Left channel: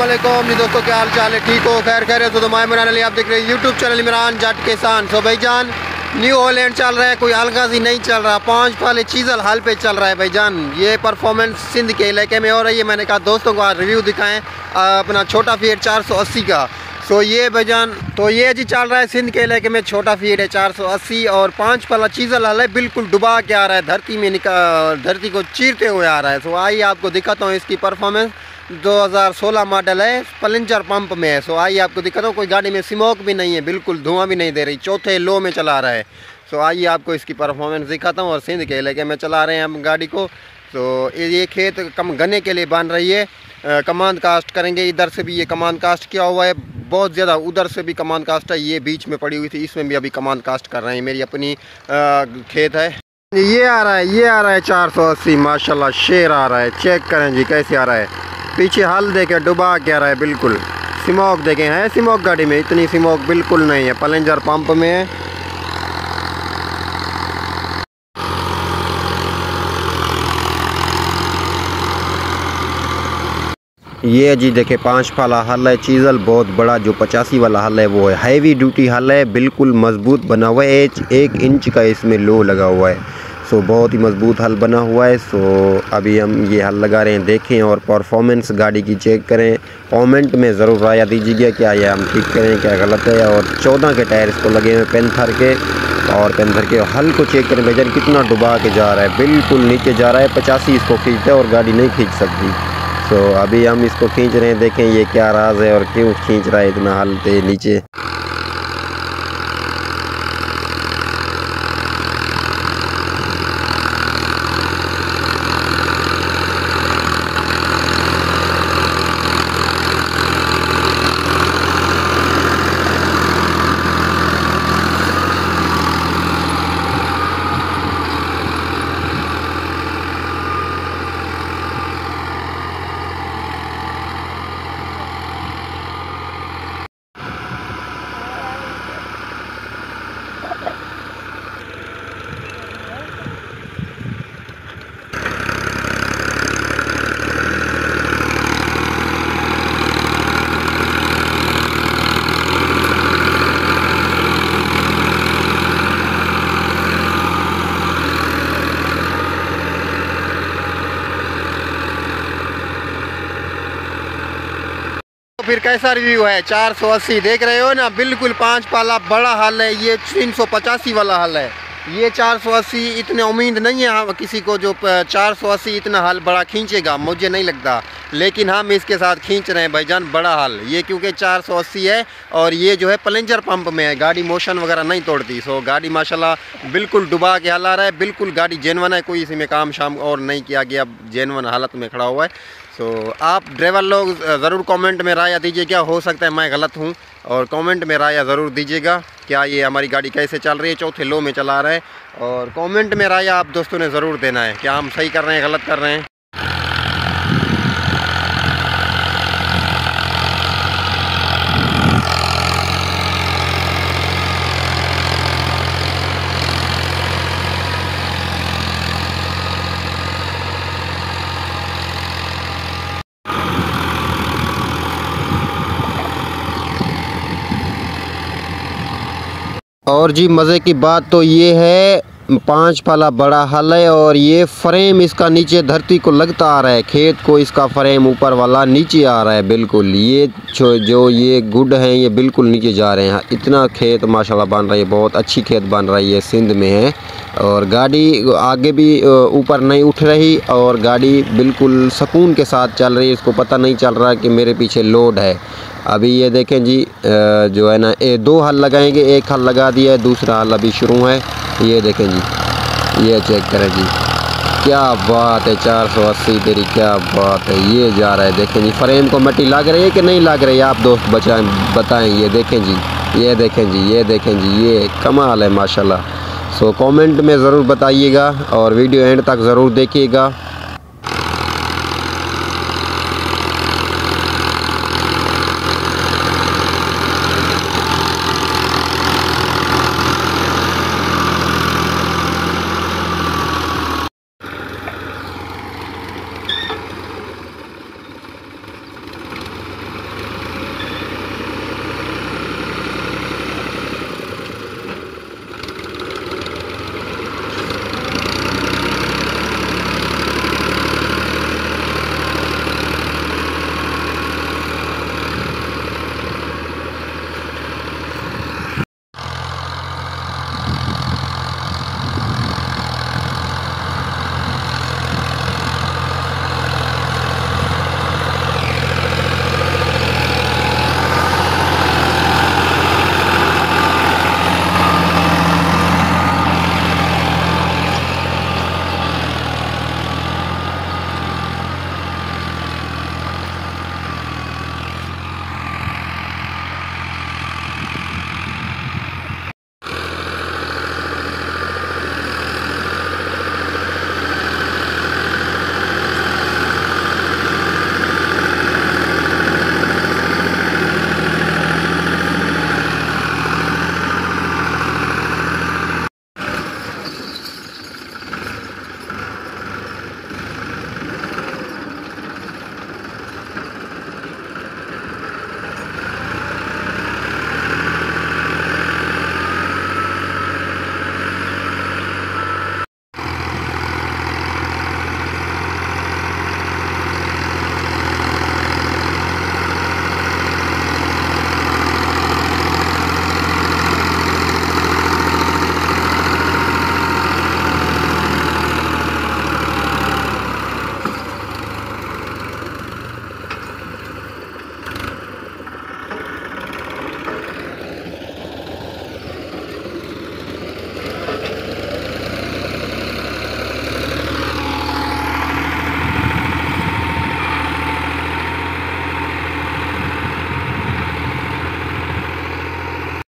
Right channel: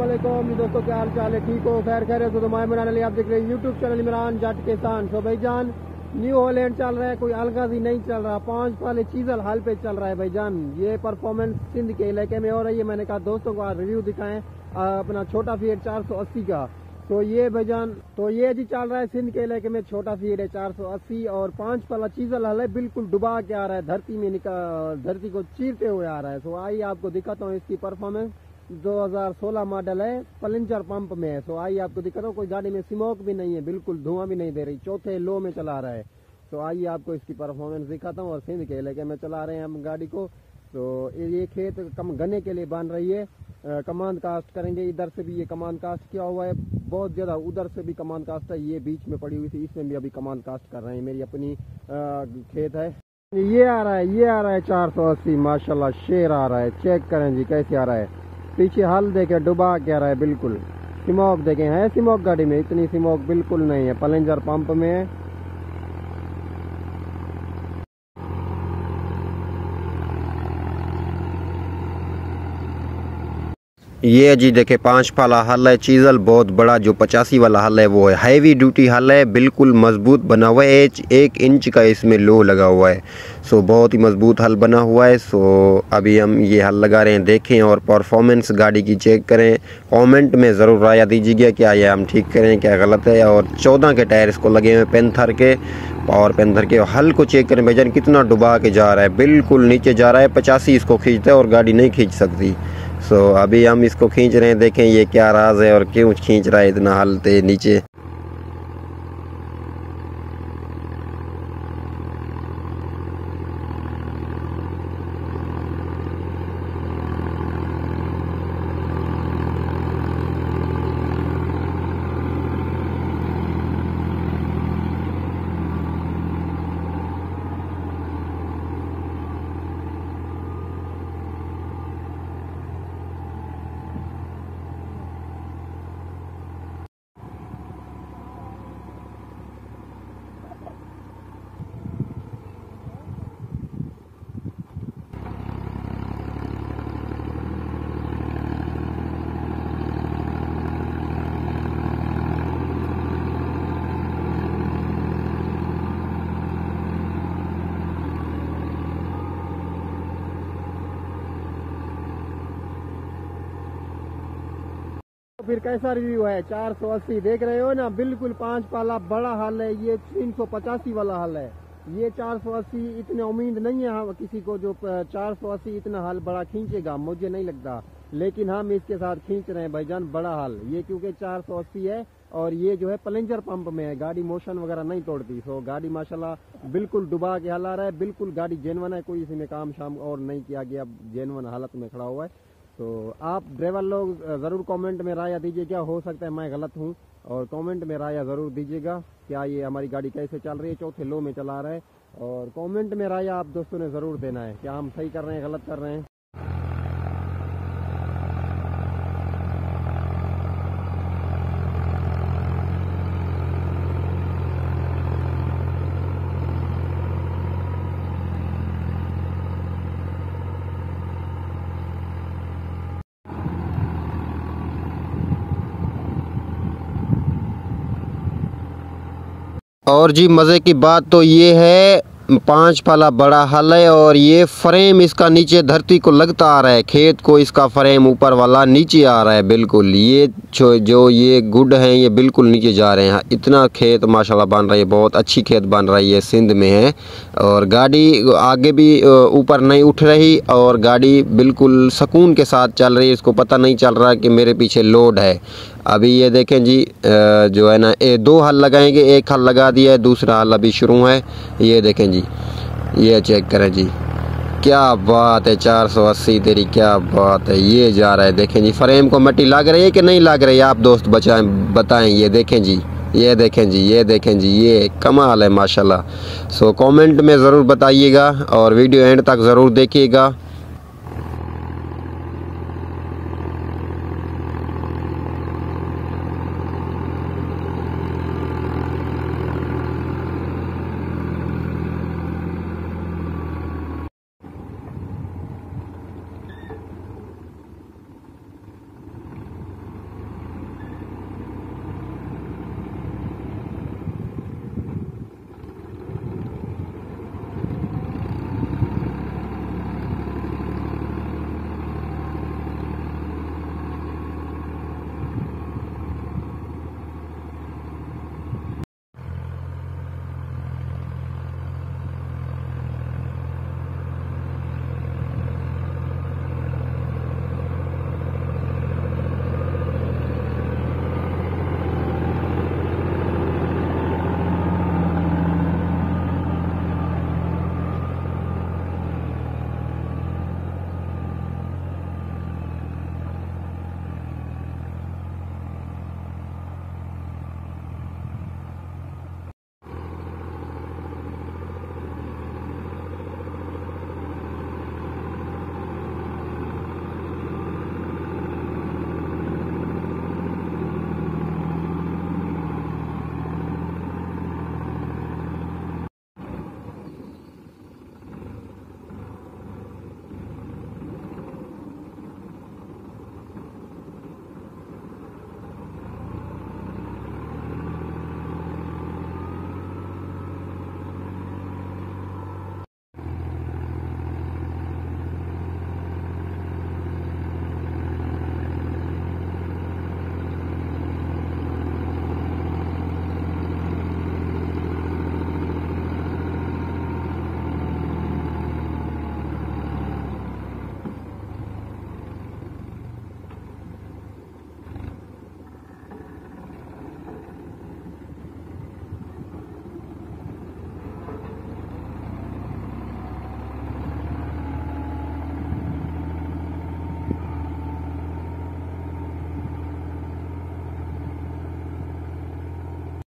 अस्सलामुअलैकुम जी दोस्तों, क्या हाल चाल है? ठीक हो? खैर खैरियत हो? तो मैं इमरान अली, आप देख रहे हैं यूट्यूब चैनल इमरान जट किसान। सो भाईजान न्यू हॉलैंड चल रहा है, कोई अलगाजी नहीं चल रहा, 5 पहले चीजल हाल पे चल रहा है भाईजान। ये परफॉर्मेंस सिंध के इलाके में हो रही है। मैंने कहा दोस्तों को आज रिव्यू दिखाएं अपना छोटा फीड 480 का। सो ये भाईजान तो ये जी चल रहा है सिंध के इलाके में, छोटा फीड है 480 और 5 पहला चीजल हाल है, बिल्कुल डुबा के आ रहा है, धरती में धरती को चीरते हुए आ रहा है। सो आइए आपको दिखाता हूँ इसकी परफॉर्मेंस। 2016 मॉडल है, प्लेंजर पंप में है। सो आइए आपको दिखाता हूँ, कोई गाड़ी में स्मोक भी नहीं है, बिल्कुल धुआं भी नहीं दे रही, चौथे लो में चला रहा है। सो आइए आपको इसकी परफॉर्मेंस दिखाता हूँ। और सिंध के इलाके में चला रहे हैं हम गाड़ी को। तो ये खेत कम गन्ने के लिए बन रही है, कमांड कास्ट करेंगे। इधर से भी ये कमांड कास्ट किया हुआ है बहुत ज़्यादा, उधर से भी कमांड कास्ट है, ये बीच में पड़ी हुई थी, इसमें भी अभी कमांड कास्ट कर रहे हैं। मेरी अपनी खेत है। ये आ रहा है 480 माशाल्लाह, शेर आ रहा है। चेक करें जी कैसे आ रहा है, पीछे हल देखे डुबा के आ रहा है, बिल्कुल स्मोक देखें है। स्मोक गाड़ी में इतनी स्मोक बिल्कुल नहीं है, प्लेंजर पंप में है। ये जी देखे 5 फाला हल है, चीजल बहुत बड़ा जो 85 वाला हल है वो है, हैवी ड्यूटी हल है, बिल्कुल मजबूत बना हुआ है। 1 इंच का इसमें लो लगा हुआ है। सो बहुत ही मजबूत हल बना हुआ है। सो अभी हम ये हल लगा रहे हैं, देखें और परफॉर्मेंस गाड़ी की चेक करें। कमेंट में ज़रूर राय दीजिएगा क्या ये हम ठीक करें, क्या गलत है। और 14 के टायर इसको लगे हुए पेंथर के, और पेंथर के हल को चेक करें भाईजान, कितना डुबा के जा रहा है, बिल्कुल नीचे जा रहा है। 85 इसको खींचता है और गाड़ी नहीं खींच सकती। सो अभी हम इसको खींच रहे हैं, देखें ये क्या राज है और क्यों खींच रहा है इतना हल ते नीचे। फिर कैसा रिव्यू है? 480 देख रहे हो ना, बिल्कुल 5 पाला बड़ा हल है। ये 385 वाला हल है, ये 480। इतने उम्मीद नहीं है हम किसी को जो 480 इतना हल बड़ा खींचेगा, मुझे नहीं लगता, लेकिन हम इसके साथ खींच रहे हैं भाईजान बड़ा हल। ये क्योंकि 480 है और ये जो है प्लेंजर पंप में है, गाड़ी मोशन वगैरह नहीं तोड़ती। सो गाड़ी माशाल्लाह बिल्कुल डुबा के हल आ रहा है, बिल्कुल गाड़ी जेनवन है, कोई इसमें काम शाम और नहीं किया गया, जेनवन हालत में खड़ा हुआ है। तो आप ड्राइवर लोग ज़रूर कमेंट में राय दीजिएगा, हो सकता है मैं गलत हूँ, और कमेंट में राय ज़रूर दीजिएगा क्या ये हमारी गाड़ी कैसे चल रही है, चौथे लो में चला रहा है। और कमेंट में राय आप दोस्तों ने ज़रूर देना है, क्या हम सही कर रहे हैं गलत कर रहे हैं। और जी मज़े की बात तो ये है, 5 फाला बड़ा हल है और ये फ्रेम इसका नीचे धरती को लगता आ रहा है, खेत को इसका फ्रेम ऊपर वाला नीचे आ रहा है बिल्कुल। ये जो ये गुड हैं ये बिल्कुल नीचे जा रहे हैं। इतना खेत माशाल्लाह बन रही है, बहुत अच्छी खेत बन रही है, सिंध में है। और गाड़ी आगे भी ऊपर नहीं उठ रही और गाड़ी बिल्कुल सुकून के साथ चल रही है, इसको पता नहीं चल रहा कि मेरे पीछे लोड है। अभी ये देखें जी जो है ना, 2 हल लगाएंगे, 1 हल लगा दिया है, दूसरा हल अभी शुरू है। ये देखें जी, ये चेक करें जी, क्या बात है, 480 तेरी क्या बात है। ये जा रहा है, देखें जी फ्रेम को मट्टी लग रही है कि नहीं लग रही है, आप दोस्त बताएं। ये देखें जी, ये देखें जी, ये देखें जी, ये कमाल है माशाल्लाह। सो कमेंट में ज़रूर बताइएगा और वीडियो एंड तक ज़रूर देखिएगा।